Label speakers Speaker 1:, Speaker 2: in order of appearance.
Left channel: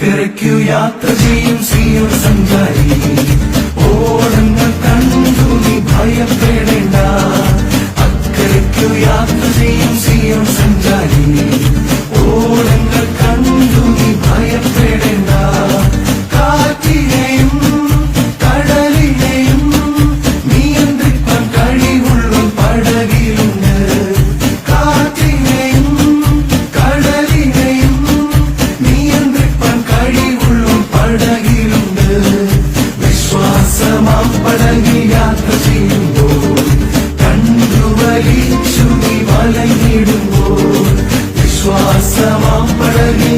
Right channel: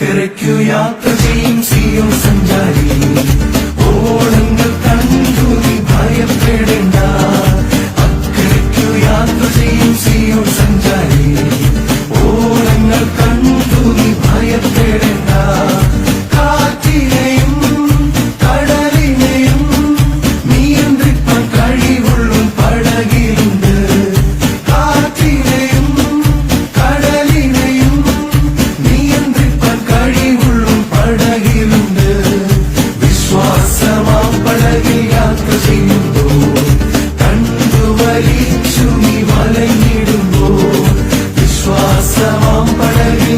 Speaker 1: അക്കരയ്ക്കു യാത്ര ചെയ്യും സിയോൻ സഞ്ചാരി. ഓടങ്ങൾ കണ്ടു നീ ഭയം തേടേണ്ട. അക്കരയ്ക്കു യാത്ര ചെയ്യും സിയോൻ സഞ്ചാരി. പളകിൽ യാത്ര ചെയ്യുമ്പോൾ കണ്ടുവലി ചുമി വലങ്ങിടുമ്പോൾ വിശ്വാസമാം പളകിൽ